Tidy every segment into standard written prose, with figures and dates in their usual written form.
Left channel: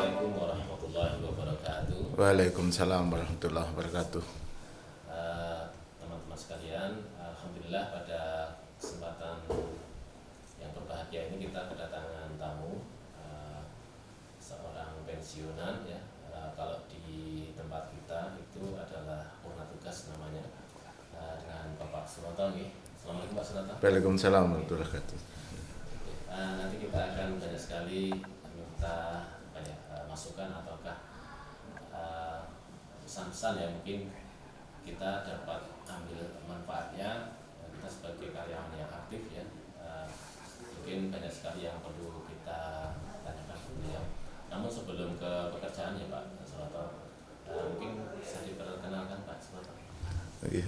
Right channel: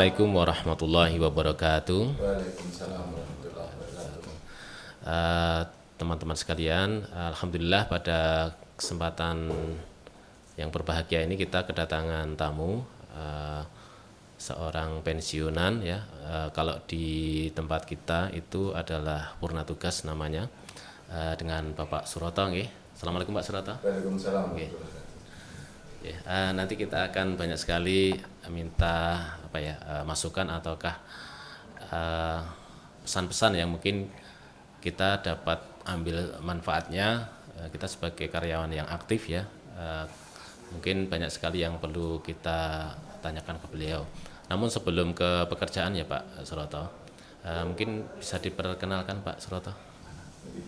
Assalamualaikum warahmatullahi wabarakatuh. Waalaikumsalam warahmatullahi wabarakatuh. Eh, Teman-teman sekalian, alhamdulillah pada kesempatan yang berbahagia ini kita kedatangan tamu, seorang pensiunan ya. Kalau di tempat kita itu adalah purna tugas namanya, dengan Bapak Suroto nggih. Assalamualaikum Pak Suroto. Waalaikumsalam warahmatullahi wabarakatuh. Ya, nanti kita akan banyak sekali minta masukan ataukah pesan-pesan yang mungkin kita dapat ambil manfaatnya. Kita sebagai karyawan yang aktif ya, mungkin banyak sekali yang perlu kita tanyakan ke beliau. Namun sebelum ke pekerjaan ya Pak Suroto, mungkin bisa diperkenalkan Pak Suroto. Oke.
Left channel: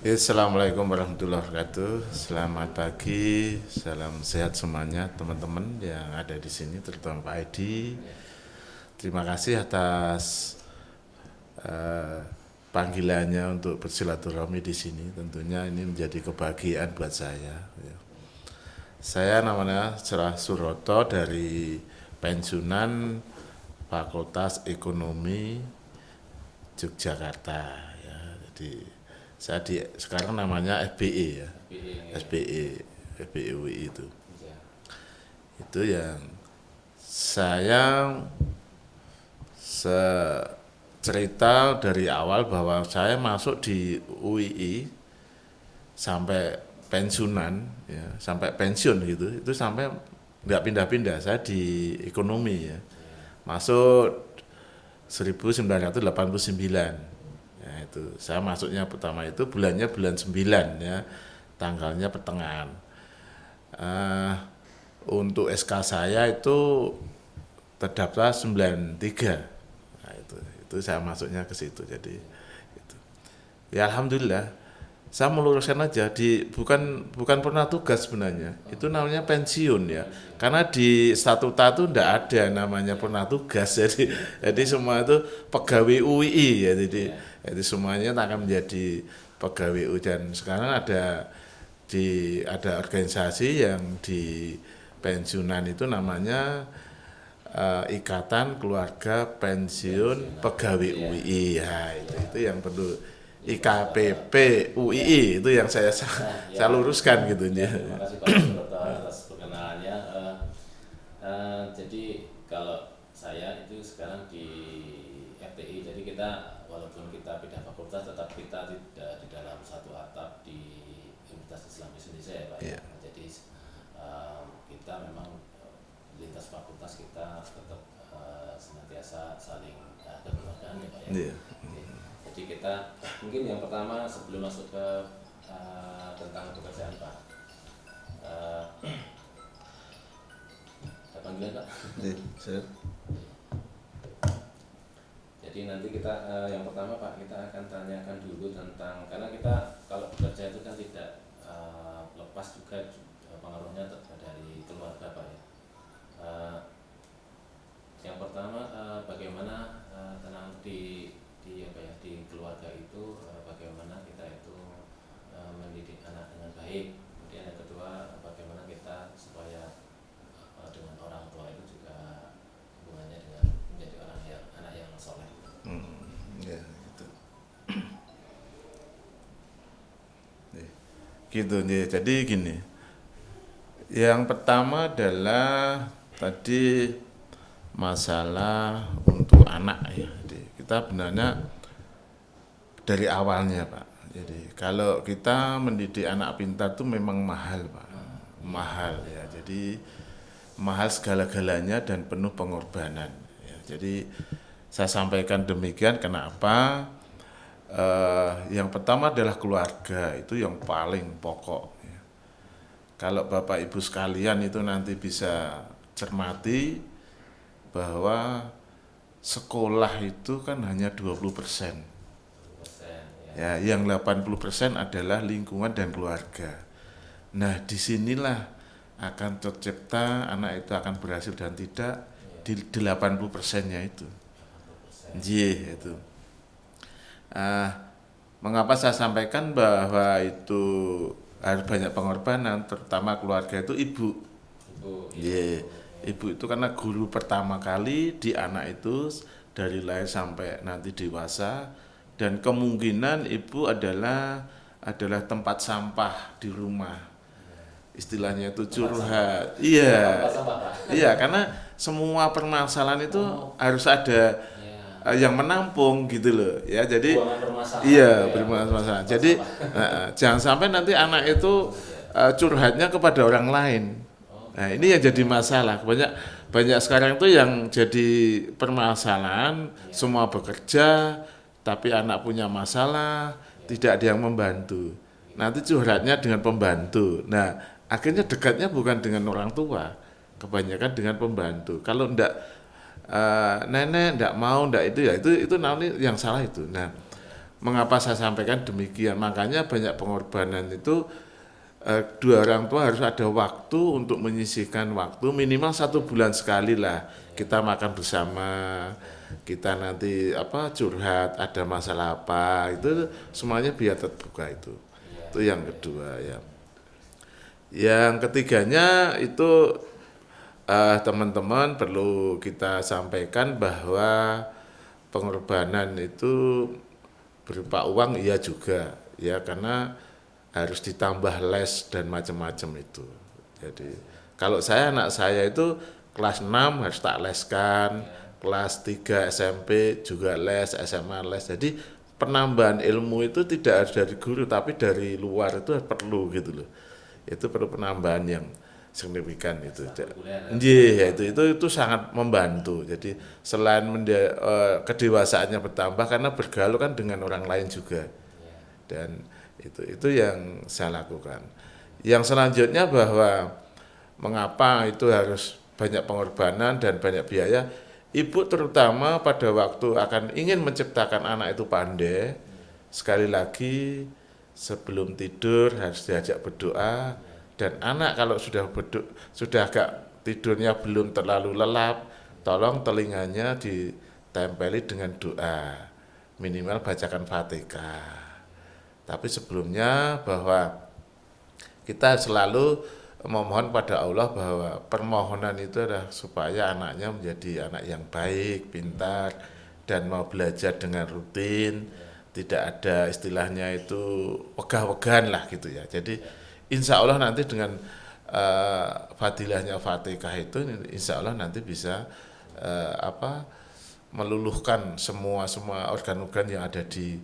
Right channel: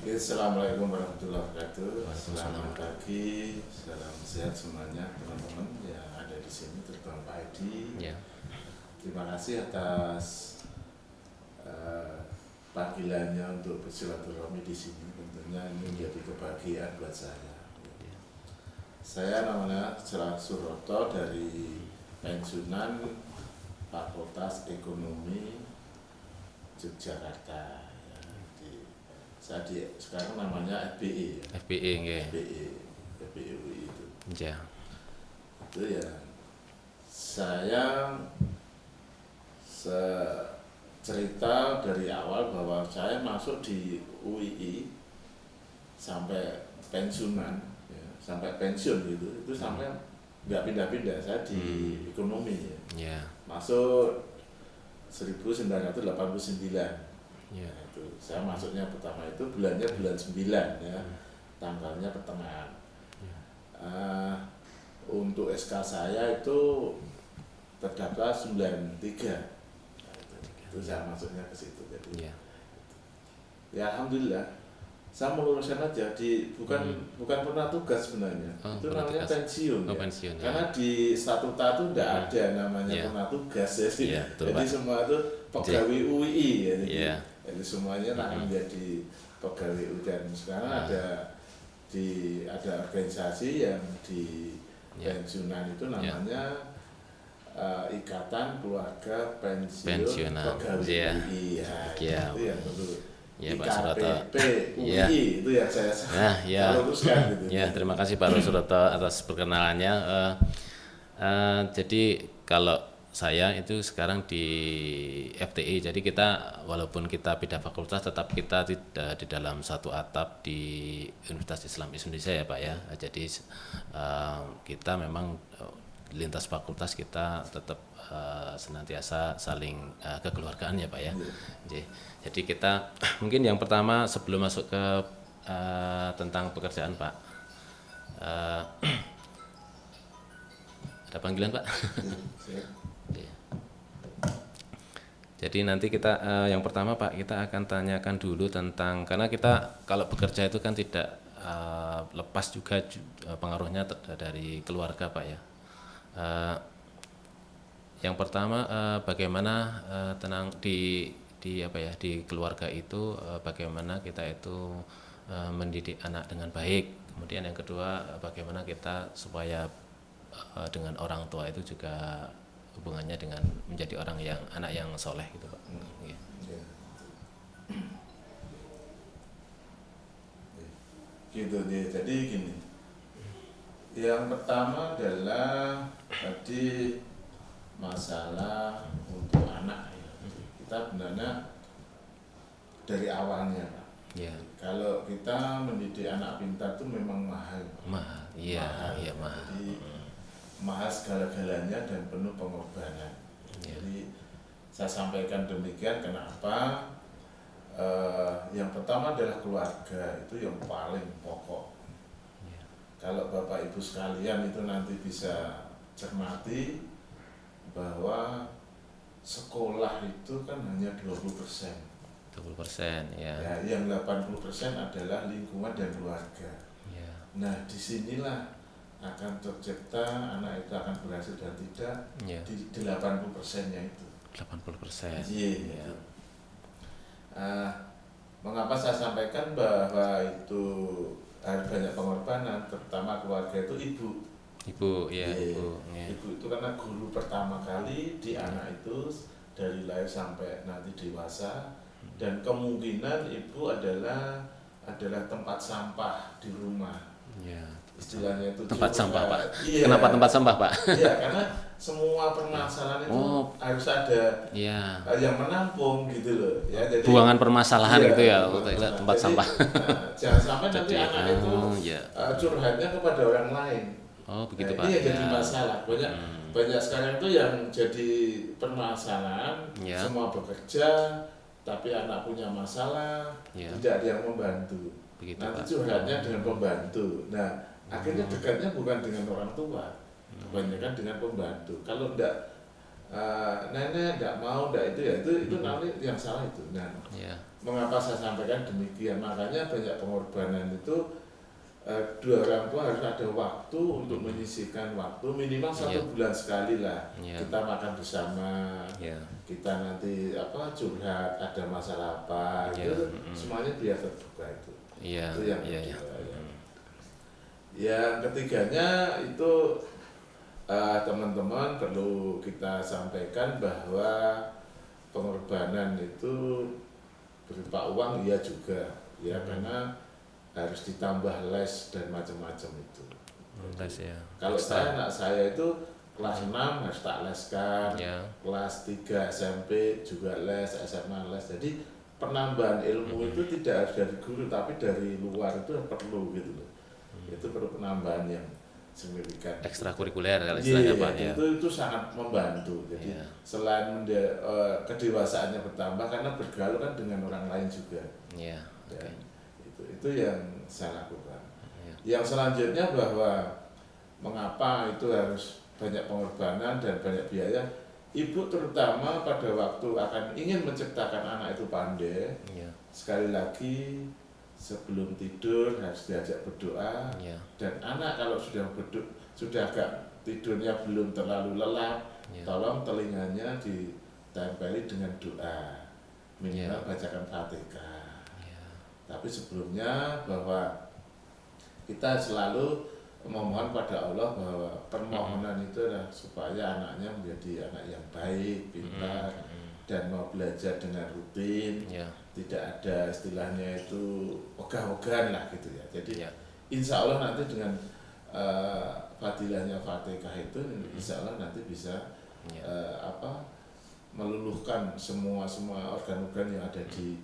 Assalamualaikum warahmatullahi wabarakatuh. Selamat pagi, salam sehat semuanya teman-teman yang ada di sini, terutama Pak Edi. Ya. Terima kasih atas panggilannya untuk bersilaturahmi di sini. Tentunya ini menjadi kebahagiaan buat saya. Ya. Saya namanya Cerah Suroto dari pensiunan Fakultas Ekonomi Yogyakarta. Ya. Jadi saya sekarang namanya FBE ya. FBE nggih. FBE UI itu. Ya. Itu yang saya cerita dari awal bahwa saya masuk di UII sampai pensiunan ya, sampai pensiun gitu, itu sampai nggak pindah-pindah. Saya di ekonomi ya. Ya. Masuk 1989 ya, itu saya masuknya pertama itu bulannya bulan 9 ya, tanggalnya pertengahan. Untuk SK saya itu terdaftar 93. Nah, itu saya masuknya ke situ. Jadi itu. Ya alhamdulillah saya meluruskan aja bukan pernah tugas sebenarnya. Itu namanya pensiun ya. Pensiun. Karena di statuta itu enggak ada namanya pernah tugas. Jadi jadi semua itu pegawai UII ya. Jadi semuanya akan menjadi pegawai UI. Dan sekarang ada organisasi yang di pensiunan itu namanya Ikatan Keluarga Pensiun Pegawai UI. Itu yang perlu. IKPP UI itu yang saya luruskan gitu. Ya, terima kasih Pak Suroto atas perkenalannya. Jadi kalau saya itu sekarang di FTI, jadi kita walaupun kita beda fakultas tetap kita tidak di dalam satu atap di Universitas Islam Indonesia ya Pak ya. Jadi kita memang lintas fakultas kita tetap senantiasa saling kekeluargaan ya Pak ya. Jadi kita mungkin yang pertama sebelum masuk ke tentang pekerjaan Pak, ada panggilan Pak. Jadi nanti kita yang pertama Pak, kita akan tanyakan dulu tentang, karena kita kalau bekerja itu kan tidak lepas juga pengaruhnya dari keluarga Pak ya. Yang pertama bagaimana tenang di keluarga itu, bagaimana kita itu mendidik anak dengan baik. Kemudian yang kedua, bagaimana kita supaya dengan orang tua itu juga hubungannya dengan menjadi anak yang soleh gitu Pak. Gitu nih. Jadi gini. Yang pertama adalah tadi masalah untuk anak ya. Kita sebenarnya dari awalnya Pak. Kalau kita mendidik anak pintar itu memang mahal Pak. Mahal ya. Jadi mahal segala-galanya dan penuh pengorbanan. Jadi saya sampaikan demikian kenapa? Yang pertama adalah keluarga, itu yang paling pokok. Kalau Bapak Ibu sekalian itu nanti bisa cermati bahwa sekolah itu kan hanya 20%. 20% ya. Ya, yang 80% adalah lingkungan dan keluarga. Nah, disinilah akan tercipta anak itu akan berhasil dan tidak di 80%-nya itu. 80%. Iya, itu. Mengapa saya sampaikan bahwa itu harus banyak pengorbanan, terutama keluarga itu ibu. Ibu ya. Yeah. Ibu. Ibu itu karena guru pertama kali di anak itu dari lahir sampai nanti dewasa, dan kemungkinan ibu adalah tempat sampah di rumah. Ya. Istilahnya itu Tempat sampah, Pak. curhat. Iya. Kenapa tempat sampah, Pak? Iya, karena semua permasalahan itu harus ada Iya. yang menampung gitu loh. Ya, jadi Buangan permasalahan iya, itu ya. permasalahan. Tempat Jadi sampah. jangan sampai nanti anak itu iya. curhatnya kepada orang lain. Oh, Nah, begitu, ini Pak. yang jadi masalah. Banyak sekarang itu yang jadi permasalahan, Ya. semua bekerja tapi anak punya masalah, Ya. tidak ada yang membantu. Begitu, Nanti curhatnya dengan pembantu. Nah, akhirnya dekatnya bukan dengan orang tua, kebanyakan dengan pembantu. Kalau ndak nenek ndak mau, ndak itu ya itu nanti yang salah itu. Nah, Ya. mengapa saya sampaikan demikian? Makanya banyak pengorbanan itu dua orang tua harus ada waktu untuk menyisihkan waktu minimal 1 bulan sekali lah. Kita makan bersama, kita nanti curhat, ada masalah apa, itu semuanya biar terbuka itu. Iya. Itu yang kedua. Yang ketiganya itu teman-teman perlu kita sampaikan bahwa pengorbanan itu berupa uang iya juga, ya, karena harus ditambah les dan macam-macam itu. Jadi kalau anak saya itu kelas 6 harus tak leskan, kelas 3 SMP juga les, SMA les. Jadi penambahan ilmu itu tidak harus dari guru tapi dari luar itu perlu gitu loh. Itu perlu penambahan yang signifikan. Ekstrakurikuler. Iya, itu sangat membantu. Jadi selain kedewasaannya bertambah karena bergaul kan dengan orang lain juga. Dan itu yang saya lakukan. Yang selanjutnya bahwa mengapa itu harus banyak pengorbanan dan banyak biaya. Ibu terutama pada waktu akan ingin menciptakan anak itu pandai, sekali lagi sebelum tidur harus diajak berdoa. Dan anak kalau sudah agak tidurnya belum terlalu lelap, tolong telinganya ditempeli dengan doa, minimal bacakan Fatihah. Tapi sebelumnya bahwa kita selalu memohon pada Allah bahwa permohonan itu adalah supaya anaknya menjadi anak yang baik, pintar, dan mau belajar dengan rutin, tidak ada istilahnya itu wegah-wegahan lah gitu ya. Jadi insya Allah nanti dengan fadilahnya Fatihah itu insya Allah nanti bisa meluluhkan semua organ-organ yang ada di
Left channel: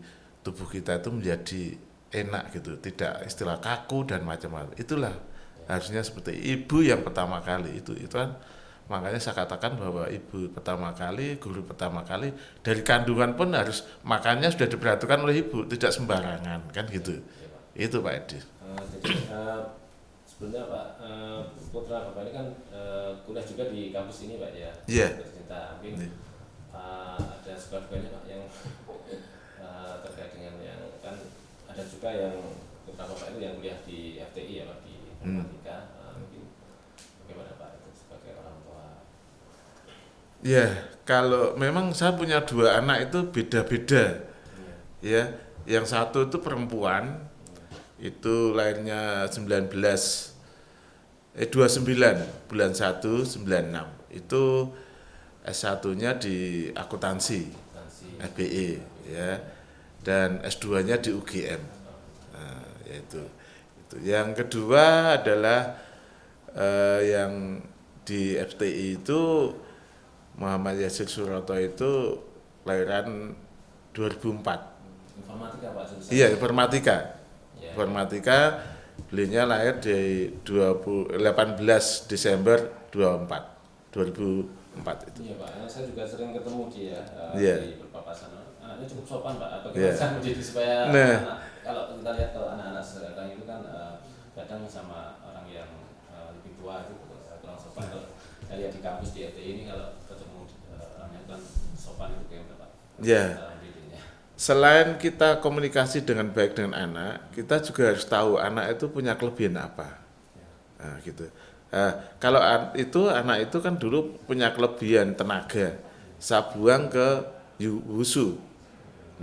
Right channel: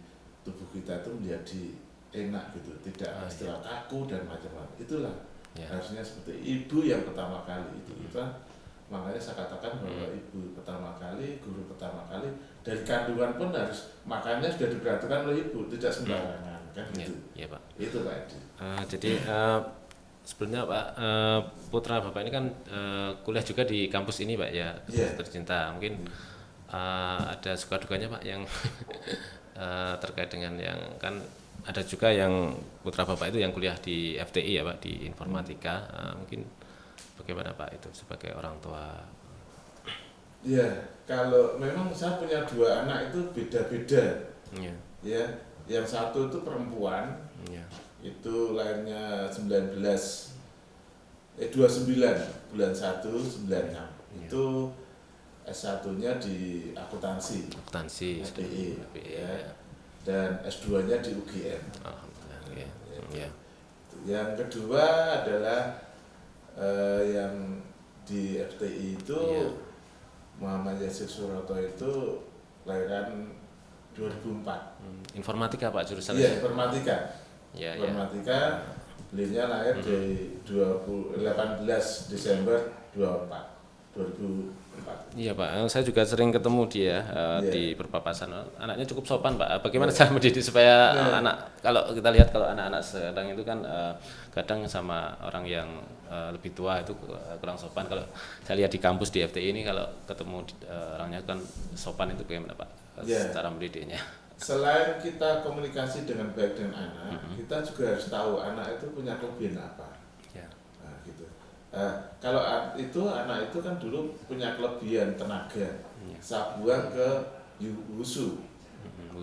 tubuh kita itu menjadi enak gitu, tidak istilah kaku dan macam-macam. Itulah harusnya seperti ibu yang pertama kali itu kan, makanya saya katakan bahwa ibu pertama kali, guru pertama kali dari kandungan pun harus makannya sudah diperhatikan oleh ibu, tidak sembarangan kan gitu. Iya, Pak. Itu Pak Edi. Jadi sebelumnya Pak, putra Bapak ini kan kuliah juga di kampus ini Pak ya, tercinta. Mungkin ada suka dukanya Pak yang terkait dengan yang kan ada juga yang putra Bapak itu yang kuliah di FTI ya Pak, di informatika. Mungkin bagaimana Pak itu sebagai orang tua? Ya, kalau memang saya punya 2 anak itu beda-beda. Ya, yang satu itu perempuan. Itu lahirnya 29 bulan 1 96. Itu S1-nya di akuntansi FBI ya. Dan S2-nya di UGM. Itu. Yang kedua adalah yang di FTI itu Muhammad Yasir Suroto itu lahiran 2004. Informatika Pak jurusan? Iya, informatika. Informatika, belinya lahir di 18 Desember 2004. Iya Pak, saya juga sering ketemu dia di perpapasan. Anaknya cukup sopan Pak. Bagaimana cara mendidik supaya anak, kalau kita lihat kalau anak-anak sekarang itu kan kadang sama orang yang lebih tua itu kurang sopan. Kalau saya lihat di kampus di FTI ini kalau ketemu orangnya kan sopan, itu bagaimana Pak? Cara mendidiknya. Selain kita komunikasi dengan baik dengan anak, kita juga harus tahu anak itu punya kelebihan apa. Nah, gitu. Kalau anak itu kan dulu punya kelebihan tenaga, saya buang ke wushu.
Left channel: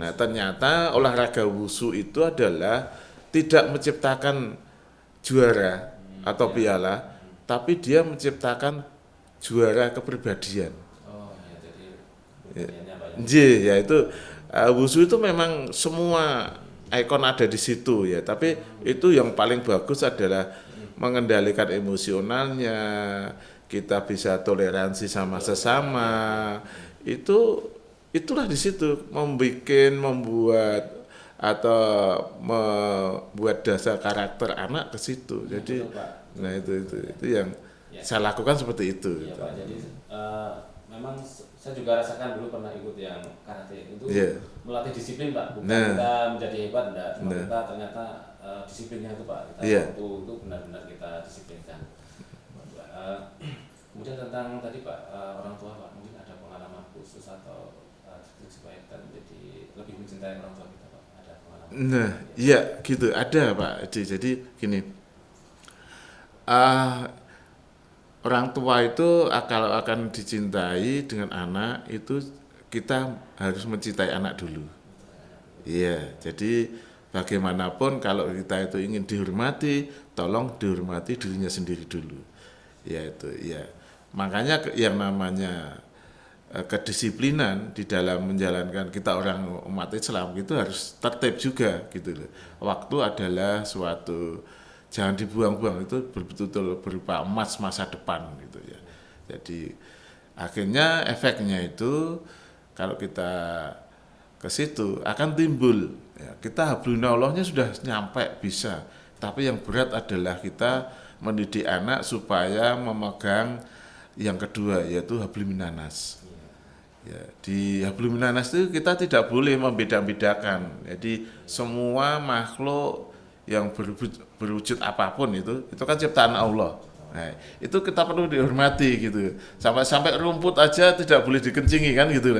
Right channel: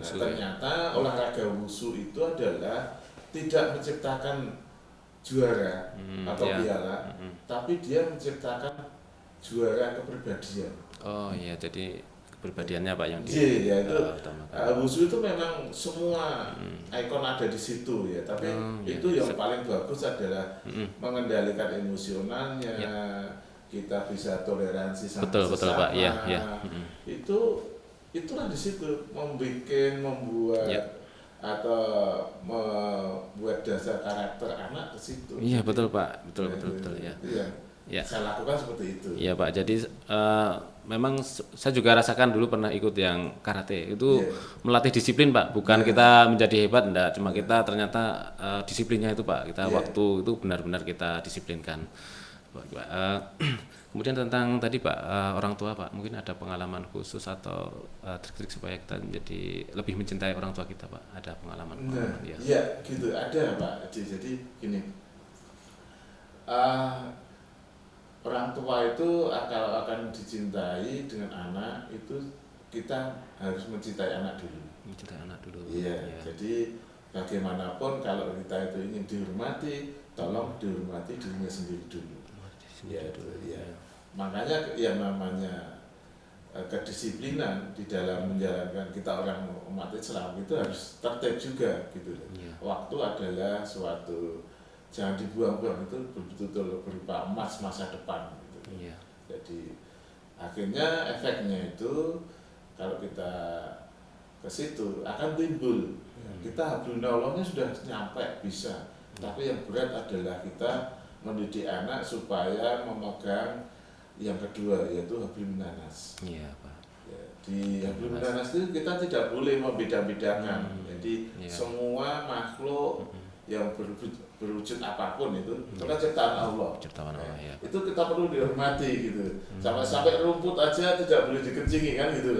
Nah, ternyata olahraga wushu itu adalah tidak menciptakan juara atau piala, tapi dia menciptakan juara kepribadian. Oh iya, jadi kepribadiannya Pak yang Ya itu wushu itu memang semua ikon ada di situ ya, tapi itu yang paling bagus adalah mengendalikan emosionalnya, kita bisa toleransi sama Betul, sesama. Pak. Iya. Itulah di situ membuat atau membuat dasar karakter anak ke situ. Iya, Jadi, betul Pak. Betul, nah, betul, itu yang saya lakukan seperti itu. Iya Pak, jadi memang saya juga rasakan dulu pernah ikut yang karate itu melatih disiplin Pak, bukan kita menjadi hebat, enggak, cuma kita ternyata disiplinnya itu Pak, kita waktu itu benar-benar kita disiplinkan. Kemudian tentang tadi Pak, orang tua Pak, mungkin ada pengalaman khusus atau trik-trik supaya kita menjadi lebih mencintai orang tua kita Pak, ada pengalaman? Nah, iya gitu, ada Pak. Jadi gini, orang tua itu kalau akan dicintai dengan anak itu kita harus mencintai anak dulu. Iya, jadi bagaimanapun kalau kita itu ingin dihormati, tolong dihormati dirinya sendiri dulu. Ya itu, ya. Makanya yang namanya kedisiplinan di dalam menjalankan kita orang umat Islam itu harus tertib juga gitu loh. Waktu adalah suatu jangan dibuang-buang, itu betul-betul berupa emas masa depan gitu ya. Jadi akhirnya efeknya itu kalau kita ke situ akan timbul ya, kita hablunallahnya sudah nyampe bisa, tapi yang berat adalah kita mendidik anak supaya memegang yang kedua yaitu hablum minanas. Ya, di hablum minanas itu kita tidak boleh membeda-bedakan. Jadi semua makhluk yang berwujud apapun itu kan ciptaan Allah. Itu kita perlu dihormati gitu. Sampai rumput aja tidak boleh dikencingi kan gitu.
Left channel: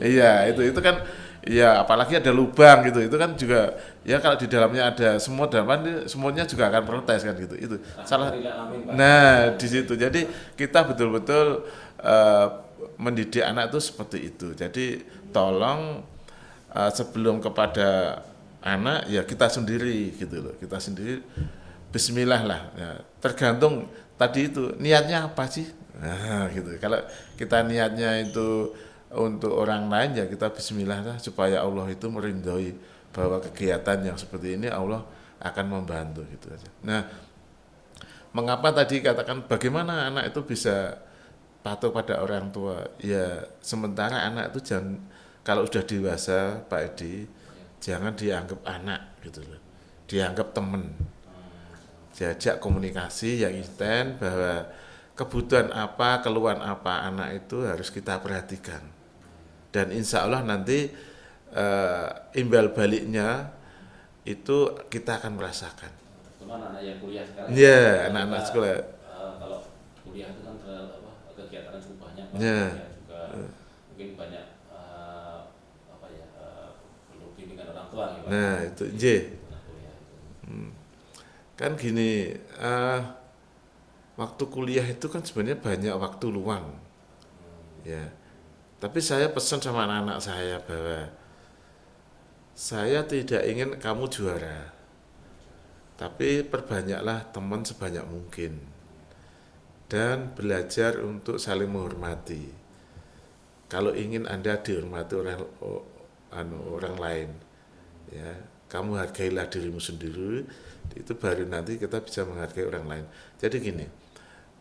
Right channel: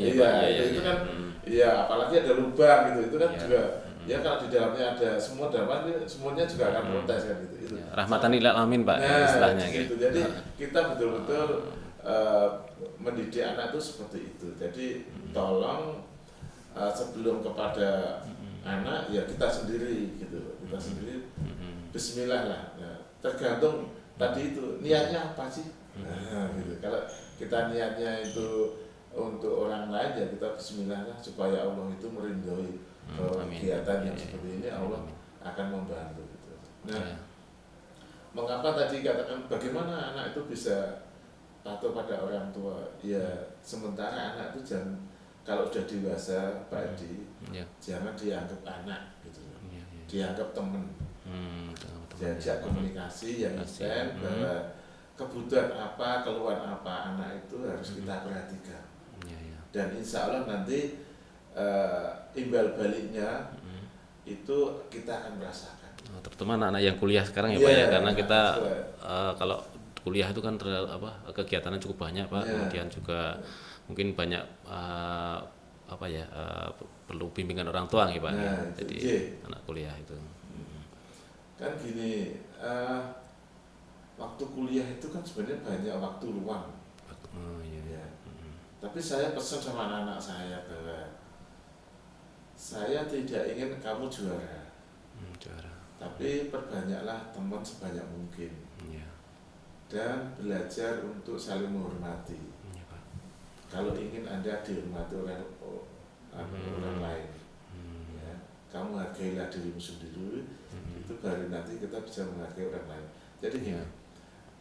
Itu kan ya apalagi ada lubang gitu. Itu kan juga ya kalau di dalamnya ada semua semuanya juga akan protes kan gitu. Itu. Rahmatan lil alamin Pak. Nah, di situ. Jadi kita betul-betul mendidik anak itu seperti itu. Jadi tolong sebelum kepada anak ya kita sendiri gitu loh, kita sendiri bismillah lah ya. Tergantung tadi itu niatnya apa sih, nah gitu. Kalau kita niatnya itu untuk orang lain ya kita bismillah lah supaya Allah itu meridhoi bahwa kegiatan yang seperti ini Allah akan membantu gitu. Nah, mengapa tadi katakan bagaimana anak itu bisa patuh pada orang tua ya, sementara anak itu jangan, kalau sudah dewasa Pak Edi jangan dianggap anak gitu loh, dianggap teman, diajak komunikasi yang intens bahwa kebutuhan apa, keluhan apa anak itu harus kita perhatikan, dan insya Allah nanti imbal baliknya itu kita akan merasakan. Terutama anak-anak yang kuliah sekarang karena kita kalau kuliah itu kan kegiatannya cukup banyak Pak, kemudian juga mungkin banyak perlu bimbingan orang tua gitu Pak. Jadi anak kuliah itu. Kan gini, waktu kuliah itu kan sebenarnya banyak waktu luang. Ya. Tapi saya pesan sama anak-anak saya bahwa saya tidak ingin kamu juara. Tapi perbanyaklah teman sebanyak mungkin. Dan belajar untuk saling menghormati. Kalau ingin Anda dihormati oleh orang lain, ya, kamu hargailah dirimu sendiri, itu baru nanti kita bisa menghargai orang lain. Jadi gini,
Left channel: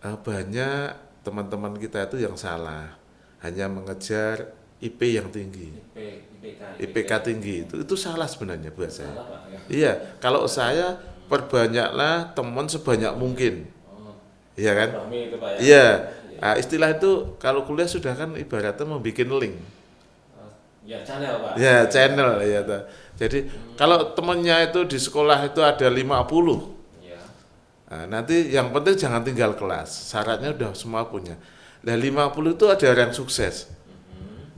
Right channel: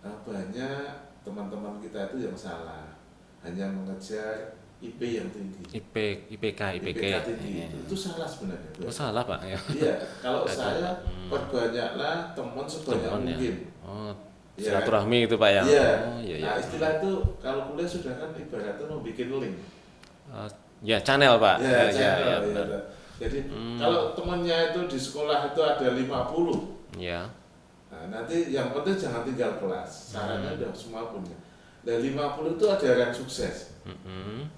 banyak teman-teman kita itu yang salah, hanya mengejar IP yang tinggi, IPK tinggi, itu salah sebenarnya. Salah Pak. Iya, kalau saya perbanyaklah teman sebanyak mungkin. Iya kan? Rahmi itu Pak ya. Iya. Nah, istilah itu kalau kuliah sudah kan ibaratnya membuat link. Ya channel Pak. Ya channel ya. Jadi kalau temennya itu di sekolah itu ada 50. Ya. Nah, nanti yang penting jangan tinggal kelas. Syaratnya udah semua punya. Nah 50 itu ada orang sukses.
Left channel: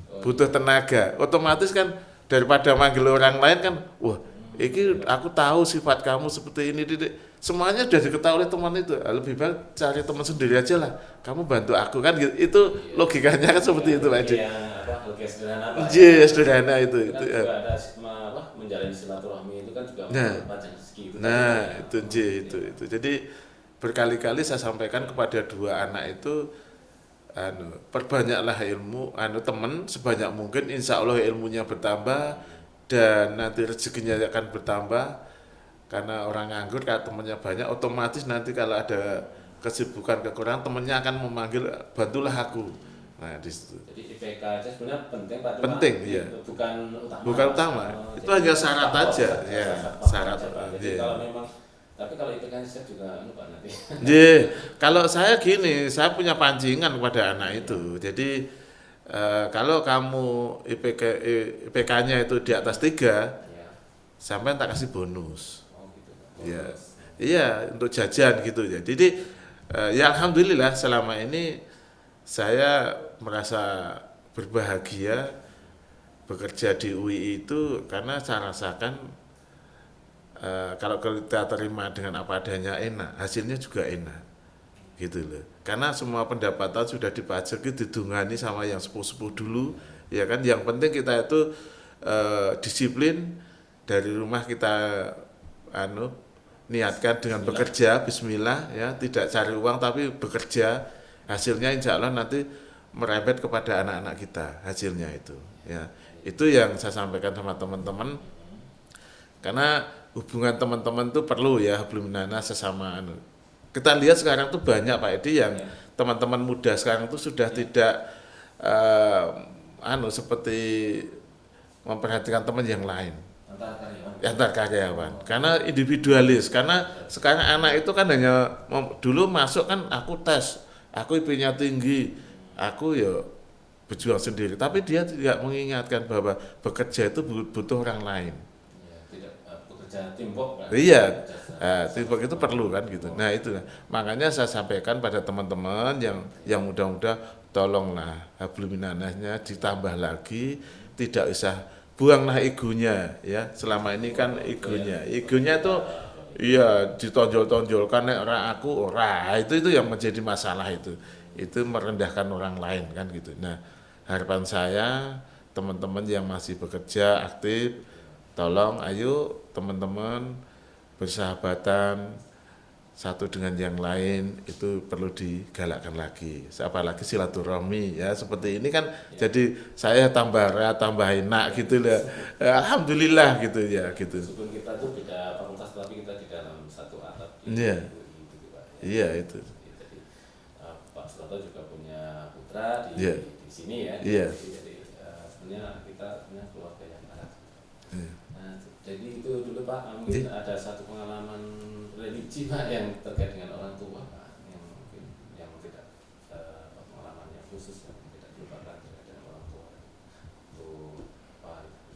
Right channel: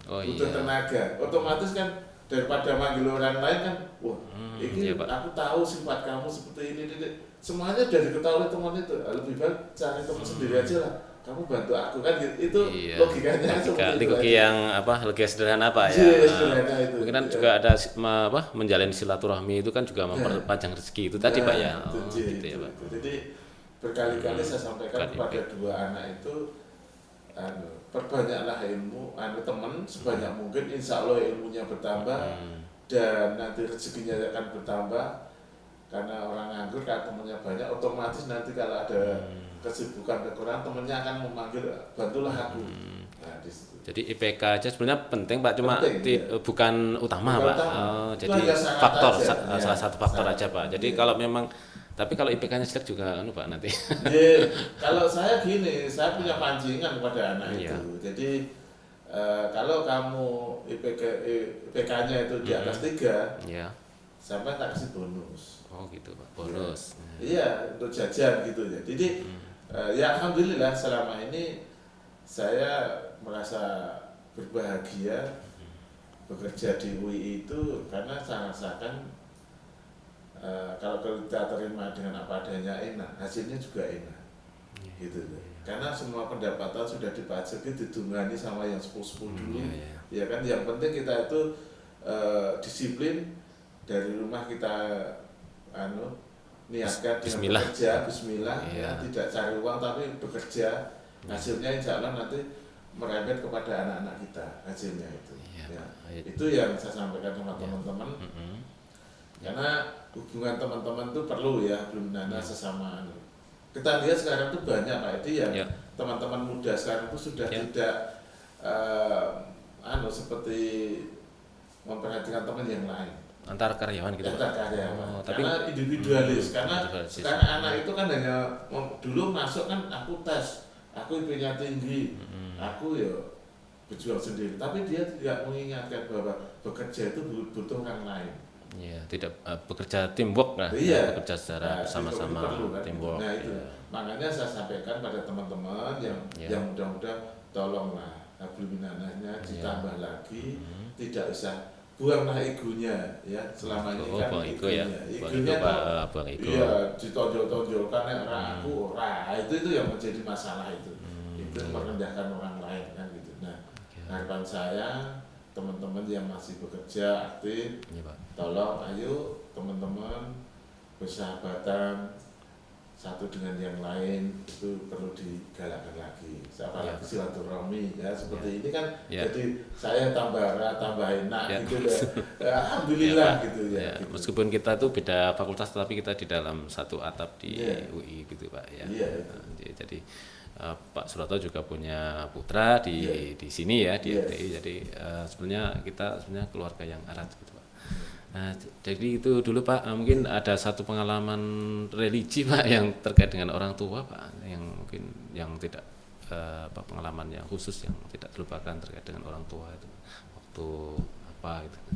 Butuh tenaga. Otomatis kan daripada manggil orang lain kan, wah, ini aku tahu sifat kamu seperti ini. Semuanya sudah diketahui oleh teman itu. Lebih baik cari teman sendiri aja lah. Kamu bantu aku kan gitu. Itu logikanya kan seperti itu aja. Yang logika sederhana Pak ya. Sederhana itu. Kan juga ada menjalin silaturahmi itu kan juga memperpanjang rezeki itu tadi Pak ya. Itu. Jadi berkali-kali saya sampaikan kepada dua anak itu perbanyaklah ilmu, teman sebanyak mungkin, insya Allah ilmunya bertambah dan nanti rezekinya akan bertambah. Karena orang nganggur kalau temannya banyak, otomatis nanti kalau ada kesibukan kekurangan, temannya akan memanggil, bantulah aku. Nah, di situ. Jadi IPK aja sebenarnya penting Pak, cuma Penting, iya. bukan utama Bukan Pak. utama. Itu Jadi hanya syarat faktor, aja. salah satu faktor Syarat. aja Pak. Jadi Iya. kalau memang, tapi kalau IPK-nya jelek juga Pak nanti. Kalau saya gini, saya punya pancingan kepada anak itu. Jadi kalau kamu IPK-nya itu di atas 3, Iya. sampai tak kasih bonus. Oh gitu Pak, bonus. Iya, untuk jajan gitu ya. Jadi ya alhamdulillah selama ini saya merasa berbahagia bekerja di UI itu karena saya rasakan kalau kita terima dengan apa adanya enak, hasilnya juga enak, gitu loh. Karena semua pendapatan sudah dipajaki, didungani sama yang sepuh-sepuh dulu, ya kan. Yang penting kita itu disiplin dari rumah, kita niatkan dengan Bismillah. bekerja, Bismillah, ya, tidak cari uang tapi bekerja, hasilnya insya Allah nanti merembet kepada anak-anak kita, hasilnya itu, ya. Itu yang saya sampaikan sama teman-teman. Karena hubungan teman-teman itu perlu ya, belum nana sesama kita lihat sekarang tuh banyak Pak Edi yang teman-teman muda sekarang itu sudah tidak seperti memperhatikan teman yang lain Antar karyawan gitu. antar karyawan. Oh, Karena individualis, karena sekarang anak itu kan hanya dulu masuk kan aku tes, aku IP-nya tinggi, aku ya berjuang sendiri, tapi dia tidak mengingatkan bahwa bekerja itu butuh orang lain. Tidak bekerja teamwork lah. Iya, Bekerja secara teamwork itu sama-sama, perlu kan gitu. teamwork. Nah itu, makanya saya sampaikan pada teman-teman yang muda-muda, tolonglah hablumminanasnya ditambah lagi, tidak usah buanglah egonya ya. Selama ini kan egonya tuh iya ditonjol-tonjolkan, ora aku ora, itu yang menjadi masalah itu merendahkan orang lain kan gitu. Nah harapan saya teman-teman yang masih bekerja aktif, tolong ayo teman-teman bersahabatan satu dengan yang lain, itu perlu digalakkan lagi, apalagi silaturahmi ya seperti ini kan. Jadi saya tambah enak gitu lah. Alhamdulillah gitu ya gitu. Meskipun kita itu beda fakultas tapi kita di dalam satu atap di UI gitu Pak ya. Iya itu. Jadi Pak Suroto juga punya putra di sini ya di UI. Jadi sebenarnya kita keluarga yang erat gitu Pak. Nah, jadi itu dulu Pak, mungkin ada satu pengalaman religi Pak yang terkait dengan orang tua Pak, yang mungkin yang tidak pengalaman yang khusus yang tidak terlupakan terkait dengan orang tua itu waktu apa gitu.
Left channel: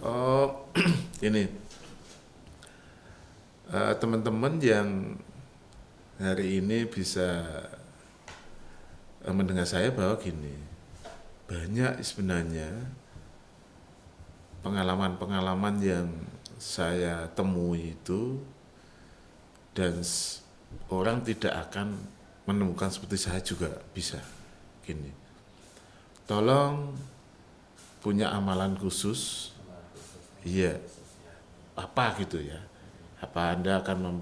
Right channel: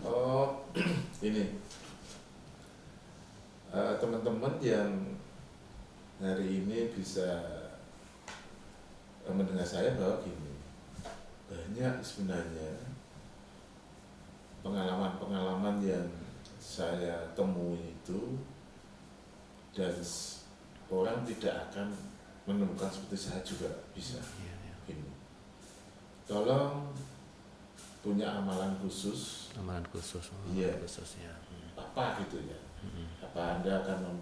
Oh ini teman-teman yang hari ini bisa mendengar saya bahwa gini, banyak sebenarnya pengalaman-pengalaman yang saya temui itu, dan orang tidak akan menemukan seperti saya juga bisa. Gini, tolong punya amalan khusus. Iya. Apa gitu ya? Apa Anda akan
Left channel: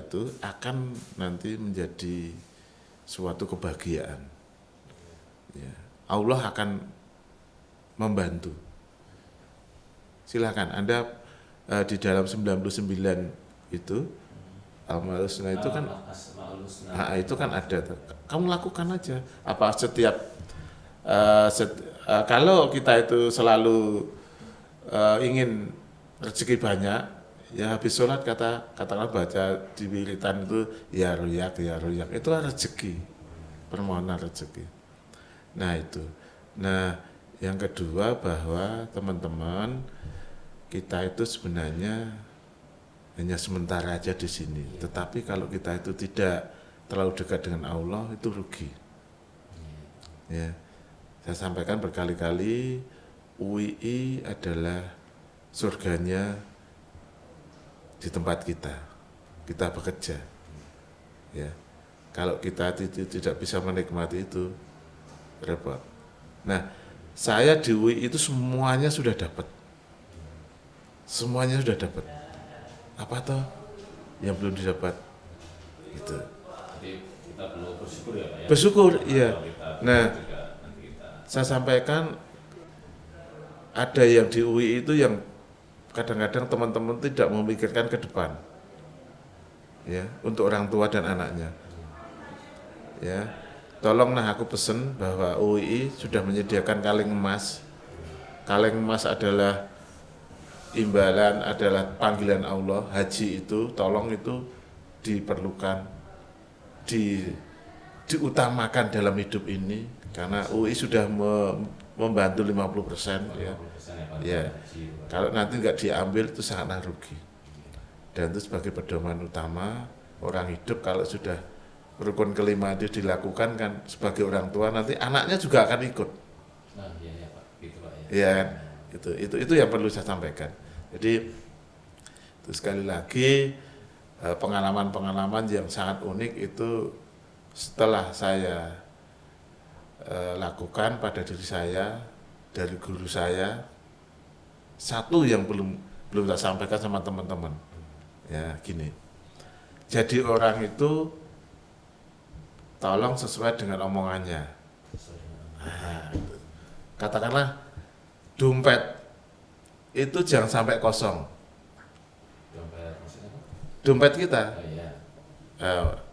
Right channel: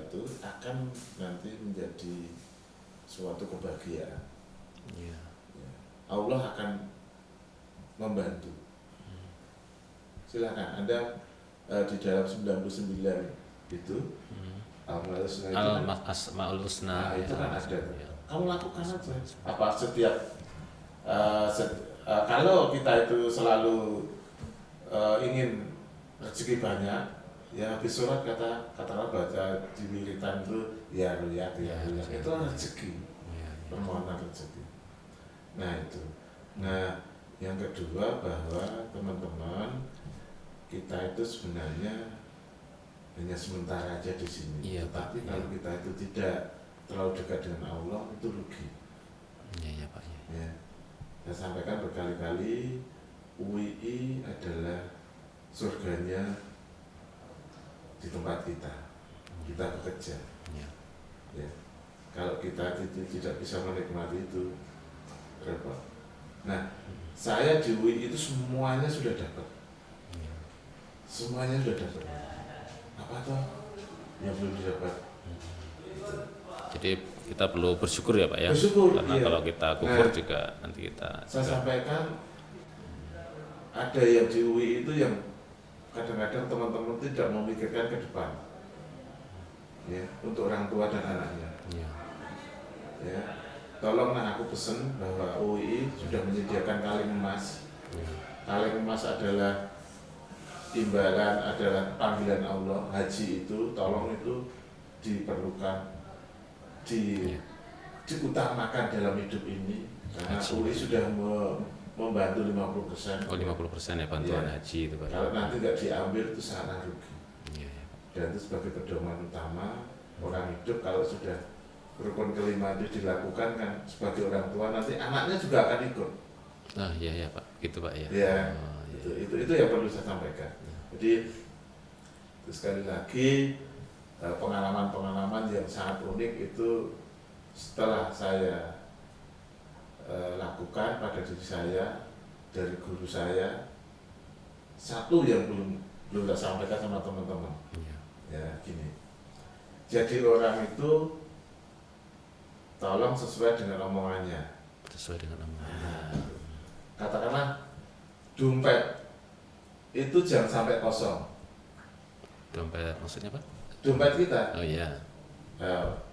itu akan nanti menjadi suatu kebahagiaan. Ya. Allah akan membantu. Silakan Anda di dalam 99 itu Al-Asmaul Husna itu kan itu kan ada. Kamu lakukan aja. Apa setiap kalau kita itu selalu ingin rezeki banyak, ya habis sholat katakanlah baca di wiritan itu ya ruyak itu kan rezeki, permohonan rezeki. Nah itu. Nah yang kedua bahwa teman-teman kita itu sebenarnya hanya sementara aja di sini. Tetapi kalau kita itu tidak terlalu dekat dengan Allah, itu rugi. Pak. Ya, saya sampaikan berkali-kali, UI adalah surganya di tempat kita bekerja. Ya, kalau kita tidak bisa menikmati itu, repot. Nah, saya di UI itu semuanya sudah dapat. Semuanya sudah dapat. Apa toh yang belum didapat? Itu. Jadi kita perlu bersyukur ya Pak ya. Bersyukur, karena iya. kalau kita kubur Nah, juga nanti kita saya sampaikan ada yang di UI itu yang kadang-kadang teman-teman tidak memikirkan ke depan, ya, untuk orang tua dan anaknya. Ya, tolong aku pesen bahwa UI sudah menyediakan kaleng emas. Kaleng emas adalah imbalan, adalah panggilan Allah. Haji itu, tolong itu diperlukan, diutamakan dalam hidup ini, karena UI sudah membantu 50%. 50% ya bantuan Ya. haji itu Pak. Kalau nanti nggak diambil itu sangat rugi. Iya. Dan itu sebagai pedoman utama orang hidup, kalau sudah rukun kelima itu dilakukan kan sebagai orang tua, nanti anaknya juga akan ikut. Oh iya ya Pak, gitu Pak ya. Ya, itu yang perlu saya sampaikan. Jadi itu sekali lagi pengalaman-pengalaman yang sangat unik itu setelah saya lakukan pada diri saya dari guru saya. Satu yang belum saya sampaikan sama teman-teman, ya gini. Jadi orang itu tolong sesuai dengan omongannya. Sesuai dengan nama. Katakanlah dompet itu jangan sampai kosong. Dompet maksudnya Pak? Dompet kita, Oh iya.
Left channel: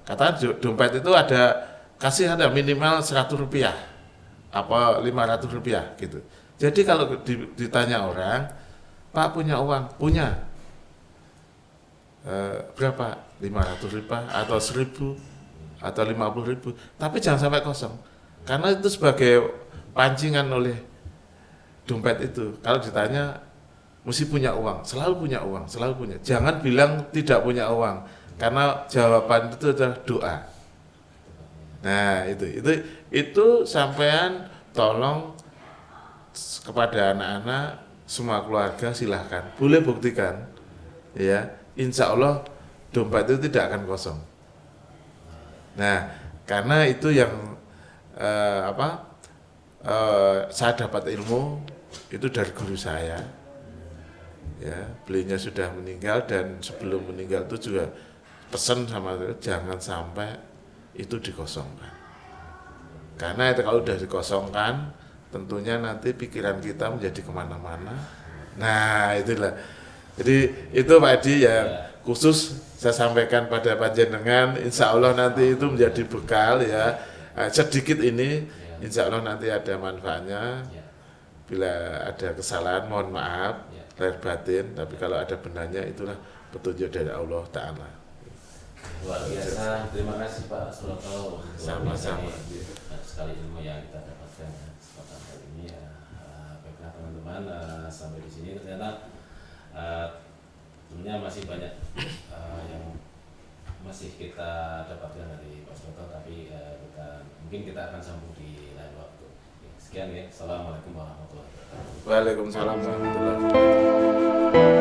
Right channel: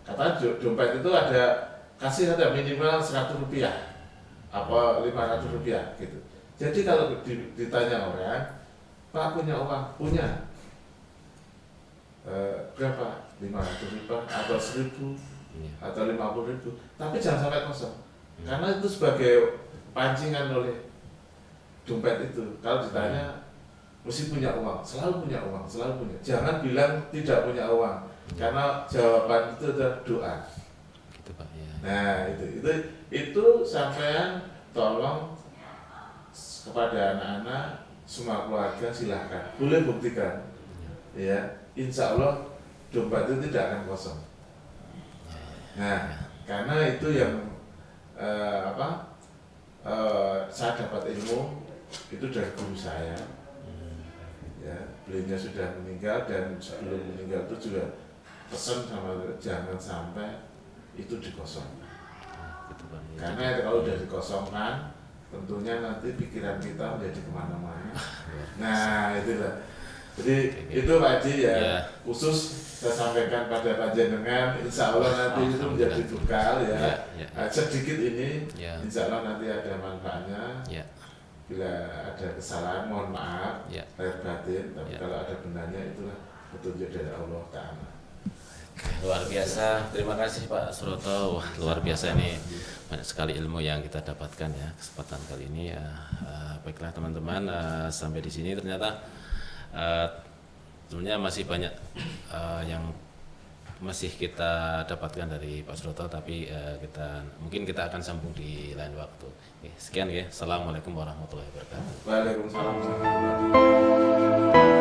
katakan dompet itu ada minimal 100 rupiah, apa 500 rupiah gitu. Jadi kalau ditanya orang, Pak punya uang? Punya. Berapa? 500 rupiah atau 1000 atau 50.000, tapi jangan sampai kosong, karena itu sebagai pancingan oleh dompet itu. Kalau ditanya mesti punya uang, selalu punya uang, selalu punya. Jangan bilang tidak punya uang, karena jawaban itu adalah doa. Gitu Pak ya. Nah itu sampean tolong kepada anak-anak, semua keluarga silahkan, boleh buktikan, ya, insya Allah dompet itu tidak akan kosong. Nah, karena itu yang saya dapat ilmu itu dari guru saya. Ya, beliaunya sudah meninggal, dan sebelum meninggal itu juga pesan sama saya, jangan sampai itu dikosongkan. Karena itu kalau sudah dikosongkan, tentunya nanti pikiran kita menjadi kemana-mana. Nah, itulah. Jadi itu Pak Edi ya, khusus saya sampaikan pada panjenengan, insya Allah nanti itu menjadi bekal ya. Sedikit ini, insya Allah nanti ada manfaatnya. Ya. Bila ada kesalahan mohon maaf, lahir batin, tapi Ya. kalau ada benarnya itulah petunjuk dari Allah Ta'ala. Luar biasa, terima kasih Pak Suroto. Wah, luar biasa nih, banyak sekali ilmu yang kita dapatkan ya kesempatan kali ini ya. Baiklah teman-teman, sampai di sini ternyata tentunya masih banyak yang masih kita dapatkan dari Pak Suroto, tapi mungkin kita akan sambung di lain waktu. Oke, sekian ya. Assalamualaikum warahmatullahi wabarakatuh. Waalaikumsalam warahmatullahi wabarakatuh.